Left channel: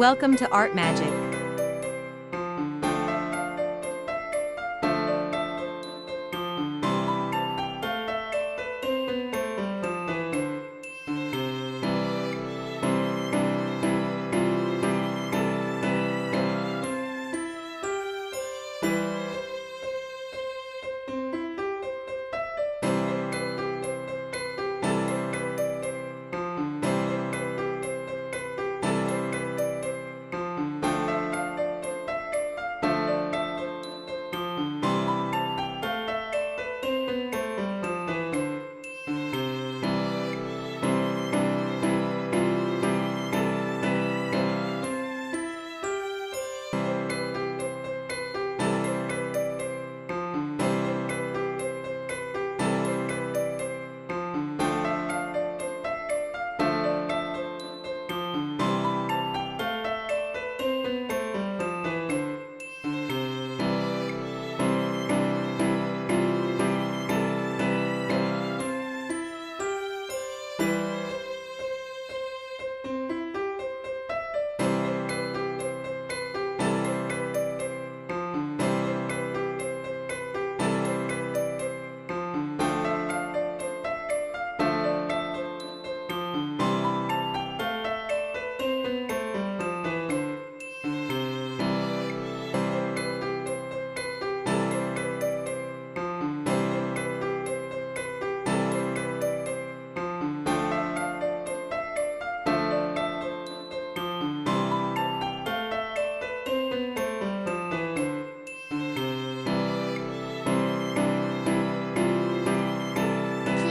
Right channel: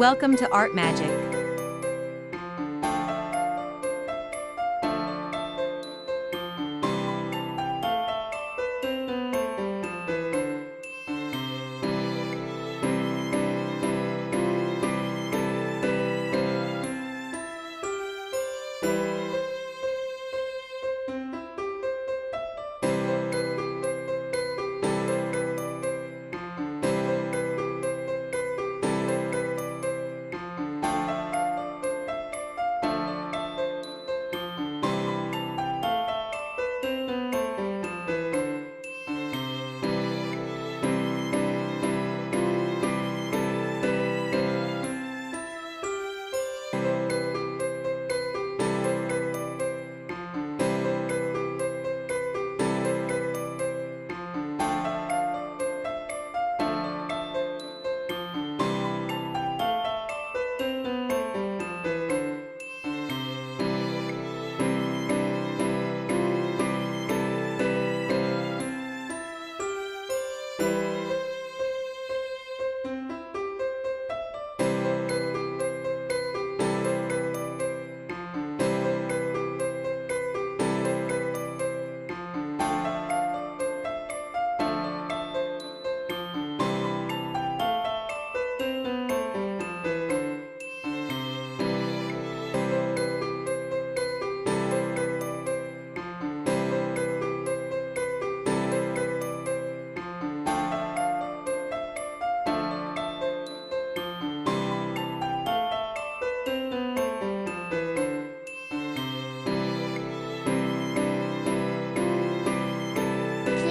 Welcome to Art Magic.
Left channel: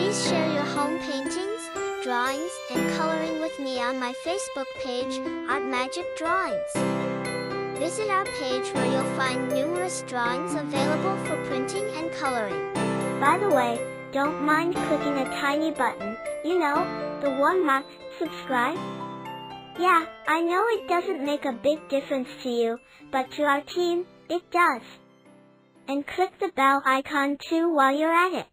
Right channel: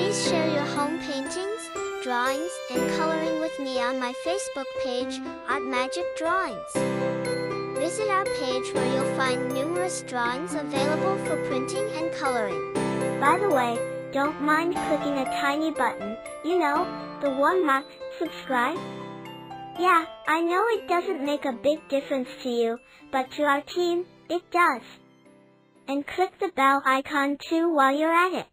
Please share your home paintings, drawings, and coloring with me on my Facebook page, Art Magic Drawings. Visit our page where you'll find numerous drawings available for printing and coloring. By the way, don't mind clicking a tiny button, the one marked subscribe. Yeah, I know it doesn't make a big difference to you, but to our team, it does. And click the bell icon too while you're at it.